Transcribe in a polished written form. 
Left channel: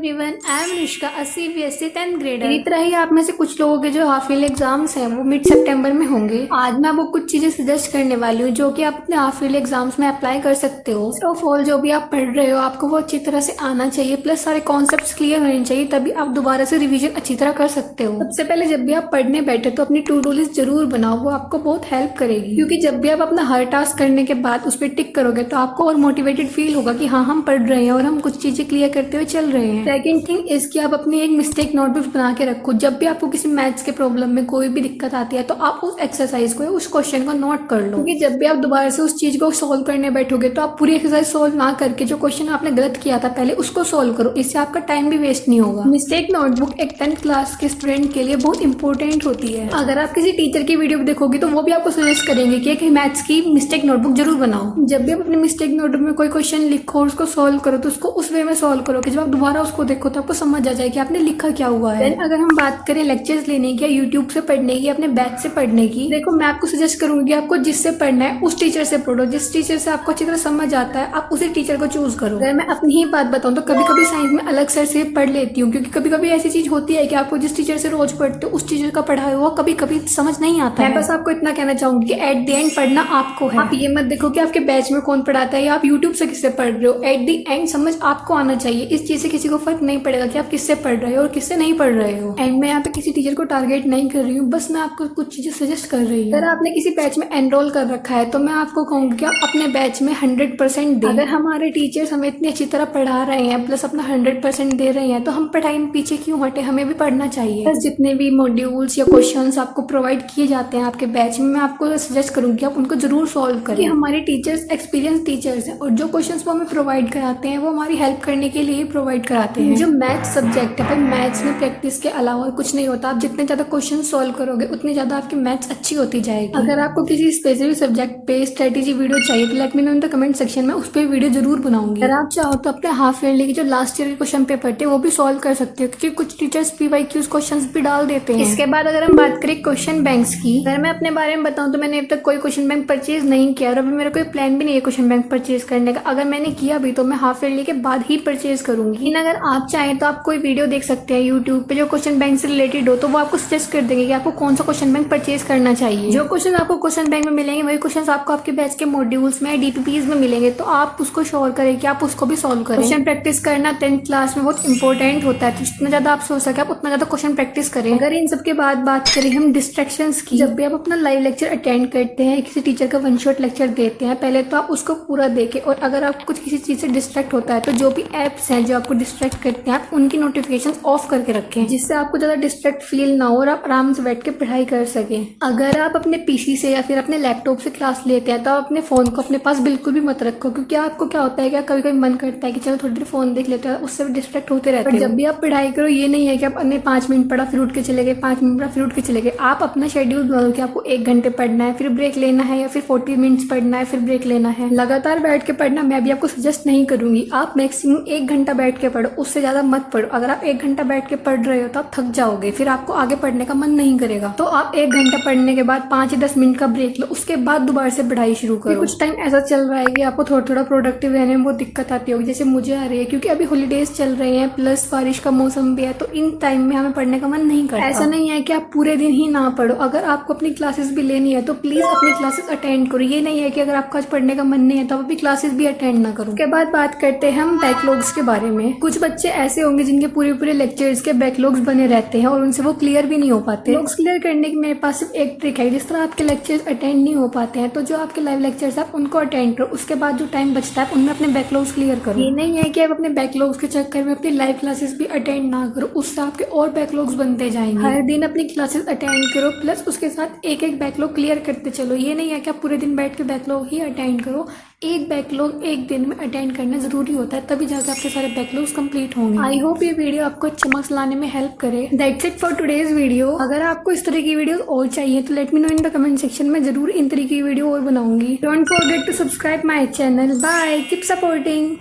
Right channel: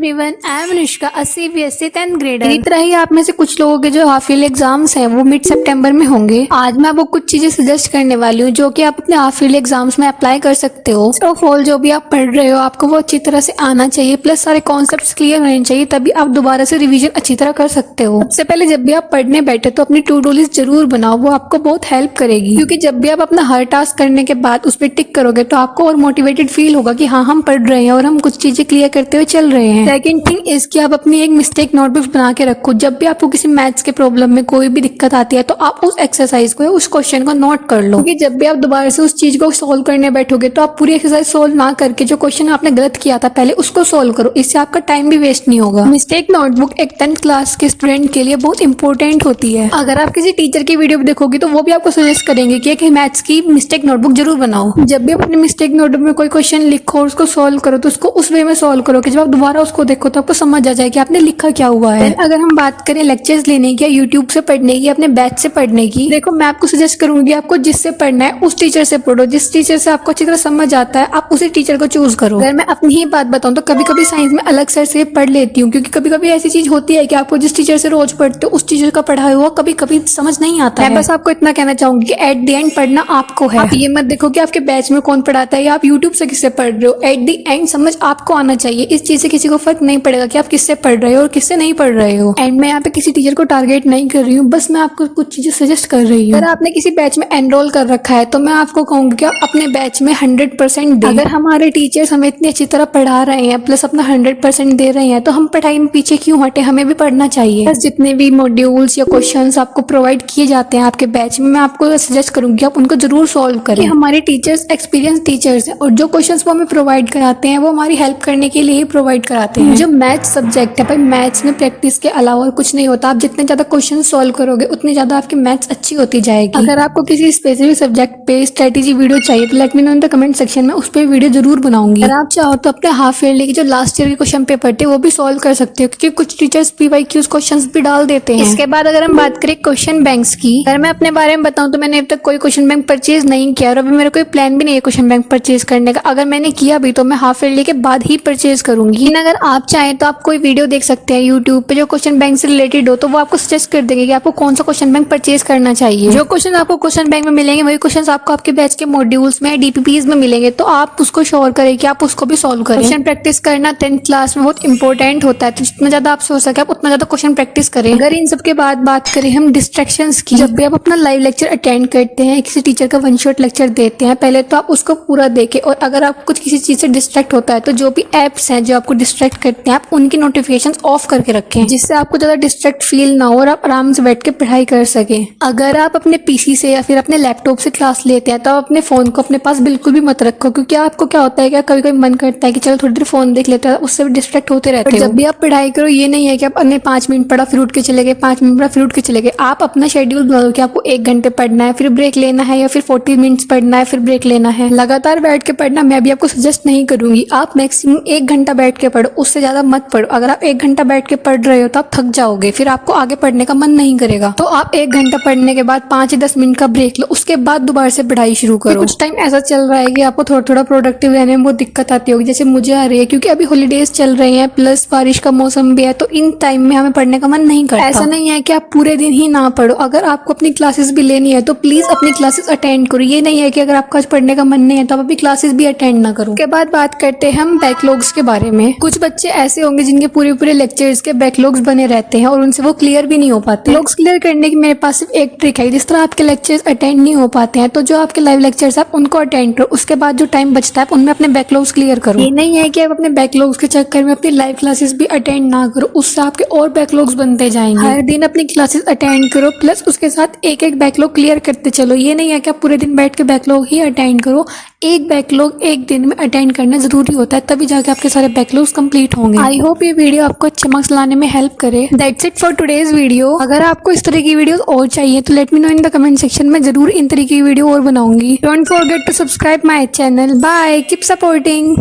Everyone, I am Anushka, CBSE 10th grader. इसी तरह ही आप में से कुछ लोगों के जो हाफ ईयरली एग्जाम्स हैं वो मिड सितंबर में होंगे। आज मैं आपको कुछ चीजें सजेस्ट करने वाली हूँ जो कि आप अपने हाफ ईयरली एग्जाम्स में अप्लाई कर सकते हो। ऑफ ऑल जो भी आप पढ़ रहे हो आपको वो अच्छी तरह से आना चाहिए, प्लस सारे कॉन्सेप्ट क्लियर होने चाहिए, तभी आप दोबारा से रिविजन अच्छी तरह कर सकते हो। सबसे पहले जब भी आप पढ़ने बैठे तो अपनी टू डू लिस्ट जरूर बनाओ, वो आपको बहुत हेल्प करेगी, क्योंकि जब भी आप अपना हर टास्क करने के बाद उस पर टिक करोगे तो आपको और मोटिवेटेड फील होगा कि हाँ हम पढ़ रहे हैं और हम कुछ चीजें क्लियर करते हुए चल रहे हैं। सेकंड थिंग इसकी आप अपनी एक मिस्टेक नोटबुक बना के रखो। जब भी आपको किसी मैथ्स के प्रॉब्लम में कोई भी दिक्कत आती है तो आप उस एक्सरसाइज को उस क्वेश्चन को नोट कर लो, क्योंकि जब भी आप दोबारा से उस चीज को सोल्व करने बैठोगे तो आप पूरी एक्सरसाइज सोल्व ना करके जो क्वेश्चन आपने गलत किया था पहले उसको सोल्व करो। इससे आपका टाइम भी वेस्ट नहीं होगा। मिस्टेक नोटबुक एक 10th क्लास के स्टूडेंट के लिए बहुत इंपॉर्टेंट होती है। अगर आप किसी टीचर की वीडियो देखोगे तो वो भी आपको सजेस्ट करेंगे कि एक मैथ्स की मिस्टेक नोटबुक जरूर बनाओ। जब भी अपनी मिस्टेक नोटबुक में कोई क्वेश्चन लिखो उसको सोल्व करो तो उसको उस वे में सोल्व करो कि जब आप दोबारा उसको देखो तो आपको समझ आ जाए कि आपने लिखा क्या हुआ है। अगर हम बात करें लेक्चर्स लेने की या यूट्यूब से पढ़ने की, अपने बैच से पढ़ने की, देखो मैं आपको सजेस्ट करूंगी आपको जिससे पढ़ना है उस टीचर से पढ़ो। जिस टीचर से आपको अच्छी तरह समझ आता है आप उसी टीचर को चूज करो। अगर मैं अपनी ही बात बताऊं तो कभी कभी साइंस में अलग से पढ़ लेती हूँ, क्योंकि कभी कभी ऐसी चीज होती है कि आपको जिस टीचर से रोज पढ़ते हो उस टीचर का पढ़ाया हुआ कभी कभी समझ नहीं आता है। बस आपको इतना कहना चाहूंगी कि एट द एंड पढ़ना आपको है। आप ये मत देखो कि आपके बैच में कौन पढ़ाता है या आप यूट्यूब से किससे पढ़ रहे हो। एट द एंड समझ आपको आना चाहिए। इस चीज से किसी को फर्क नहीं पड़ेगा कि आप किससे पढ़ रहे हो और किससे नहीं पढ़ रहे हो। एंड मैं यहाँ पे किसी टीचर को टारगेट नहीं कर रही हूँ, बस मैं आपको कुछ चीजें सजेस्ट कर रही हूँ। अगर आपने किसी बैच में एनरोल कर रखा है तो मैं आपको कहूंगी कि आप अपने बैच में 100% दें। अगर हमारे टीचर्स हमें इतनी अच्छी तरह पढ़ा रहे हैं प्लस अपना 100% दे रहे हैं तो हम पढ़ाई में पीछे क्यों हटे, हमें भी पढ़ना चाहिए। बस जितने भी मॉड्यूल्स या क्वेश्चंस आपको प्रोवाइड किए जाते हैं आपके बैच में, मैं आपको सजेस्ट करूंगी आप उनको जरूर सॉल्व करें। हमारे टीचर्स एक्सपीरियंस टीचर्स हैं और जो क्वेश्चंस वो हमें प्रोवाइड कराते हैं वो हमारी हेल्प करने के लिए ही प्रोवाइड कराते हैं। जो मैथ्स सब्जेक्ट है भाई, मैथ्स में प्रैक्टिस के अलावा और कुछ नहीं होता। आप जितने ज्यादा क्वेश्चन सॉल्व करोगे उतनी ज्यादा आपकी मैथ्स अच्छी होती जाएगी। अगर आपको किसी स्पेसिफिक सब्जेक्ट पे स्ट्रेटेजी वीडियो चाहिए तो let me know in the comment section में, उस पर वीडियो जरूर बनाऊंगी। अगर आप चाहो तो अपने हाफ ईयरली के जो लास्ट ईयर के क्वेश्चन पेपर थे वो भी सॉल्व कर सकते हो, क्योंकि कुछ टीचर्स PYQs क्वेश्चंस भी डाल देते हैं। इसके बाद अगर हम बात करें क्वेश्चन बैंक्स की, अगर मैं अपने बारे में बताऊं तो मैंने अब तक कोई क्वेश्चन बैंक परचेज नहीं किया और अभी मेरा कोई प्लान भी नहीं है क्वेश्चन बैंक परचेज करने का। अगर मैंने किया भी तो मैं हाफ ईयरली के बाद ही परचेज करूंगी। लेकिन अगर आप चाहें तो आप कोई वीडियो देख सकते हैं यूट्यूब पे जो क्वेश्चन बैंक से रिलेटेड हो, तो वो आपको सजेस्ट कर देंगे कि आपको कौन सा क्वेश्चन बैंक परचेज करना चाहिए। जो क्वेश्चन आपको क्वेश्चन बैंक में मिलेंगे वही क्वेश्चन आपको आपके बैच के मॉड्यूल्स में DPPs में मिलेंगे, तो आप उसको श्योर करें कि आप उसको भी सॉल्व करें। क्वेश्चन प्रैक्टिस करना 10th क्लास में बहुत इंपॉर्टेंट होता है, तो जितना ज्यादा आप सोच सके आप उतना ज्यादा क्वेश्चन प्रैक्टिस करें। अगर इन सब के बाद बात करें हम डिस्ट्रैक्शंस की, जब भी आप अपना लाइव लेक्चर अटेंड करते हैं, किसी टीचर का वन शॉट लेक्चर देते हैं, पहले तो आप उसको पूरा देखें और अगर आप कुछ किसी चीज से डिस्ट्रैक्ट होता है तो जो भी एप्स हैं जो आपको डिस्ट्रैक्ट करते हैं आप उनकी नोटिफिकेशन ऑफ करके रखें, जिससे आपको ज्यादा डिस्ट्रैक्ट फील ना हो और आप आराम से बैठ के पढ़ाई कर सके। अगर आप अपने PC से या फिर अपने लैपटॉप से क्लास लेते हैं तो आप अपने फोन को अपने पास बिल्कुल भी मत रखो, क्योंकि आपको क्या होता है कि कभी कभी मन करता है कि चलो थोड़ी देर फोन देख लेते हैं, उससे भी डिस्ट्रैक्ट होते रहते हैं। जब भी आप पढ़ाई करो ये नहीं है कि आप अन्य 5 मिनट पढ़ा फिर उठ के चले गए, 5 मिनट पढ़ा फिर उठ के चले गए। आप अपना शेड्यूल बना लो कि आपको 1 घंटे पढ़ना है, फिर ब्रेक लेना है, या फिर 40 मिनट्स पढ़ना है फिर ब्रेक लेना है। लगातार बैठ के पढ़ना मैं भी आपको सजेस्ट नहीं करूंगी। आप मैक्सिमम 1 घंटा बैठ के पढ़ो, उससे ज्यादा मत पढ़ो। अगर आप 1 घंटा बैठ के पढ़ रहे हो तो आप थक जाओगे, फिर आपको आगे पढ़ने का मन नहीं करेगा। तो आप 1 घंटा पढ़ने के बाद 5 या 10 मिनट का ब्रेक लो, उसके बाद दोबारा से पढ़ाई शुरू करो। कुछ टाइम ऐसा चल रहा है कि आपको थोड़ा थोड़ा प्रोडक्टिव रहने में बहुत दिक्कत आती होगी, जैसे मुझे आ रही है, क्योंकि अभी हॉलीडेज चल रहे हैं प्लस बारिश का मौसम भी है, तो इन टाइम में हमें पढ़ने का मन नहीं करता। ऐसा नहीं है कि आप पूरे दिन ही ना पढ़ो। अगर आपको अपनी क्लासेस भी लेनी है तो प्लीज अपनी क्लासेस अटेंड करो। ये नहीं है कि अगर आपको आज पढ़ने का मन नहीं है तो आप अपनी क्लासेस भी अटेंड ना करो। उसके बाद बात करते हैं हम बैकलॉग्स के बारे में। कुछ बच्चे ऐसे होंगे जिनके पूरे पूरे लेक्चर्स के बैकलॉग्स बने रहते हैं और उनसे वो क्लियर भी नहीं हो पाते। बैकलॉग्स क्लियर करने की मेरे पास सिर्फ एक ट्रिक है। जिस तरह आपके लेक्चर्स अटेंड नहीं हो पाते हैं तो जो आपके लाइव लेक्चर्स आप उनको अटेंड करो, उसके बाद जो टाइम बचता है उनमें अपने बैकलॉग्स क्लियर करो। ये नहीं है कि आप अपने बैकलॉग्स के चक्कर में अपनी लाइव क्लासेस भी अटेंड ना करो, उससे आपके और बैकलॉग्स बनते जाएंगे। हर दिन अपनी क्लासेस अटेंड करो प्लस उसके साथ एक एक बैकलॉग क्लियर करते चलो। ये नहीं है कि आप पूरे दिन बैठ के बैकलॉग ही अटेंड करो, एक बैकलॉग एक दिन में अटेंड करना जरूरी होता है, तभी जाके आपके सारे बैकलॉग्स कंप्लीट होंगे। आई होप ये वीडियो आपको अच्छे मार्क्स लाने में हेल्प करे। That's it for today's video. अगर आपको इस तरह की वीडियोस और चाहिए तो let me know in the comment section में, जरूर इन तरह की वीडियो और बनाऊंगी। Don't forget to subscribe my channel. Bye, keep supporting.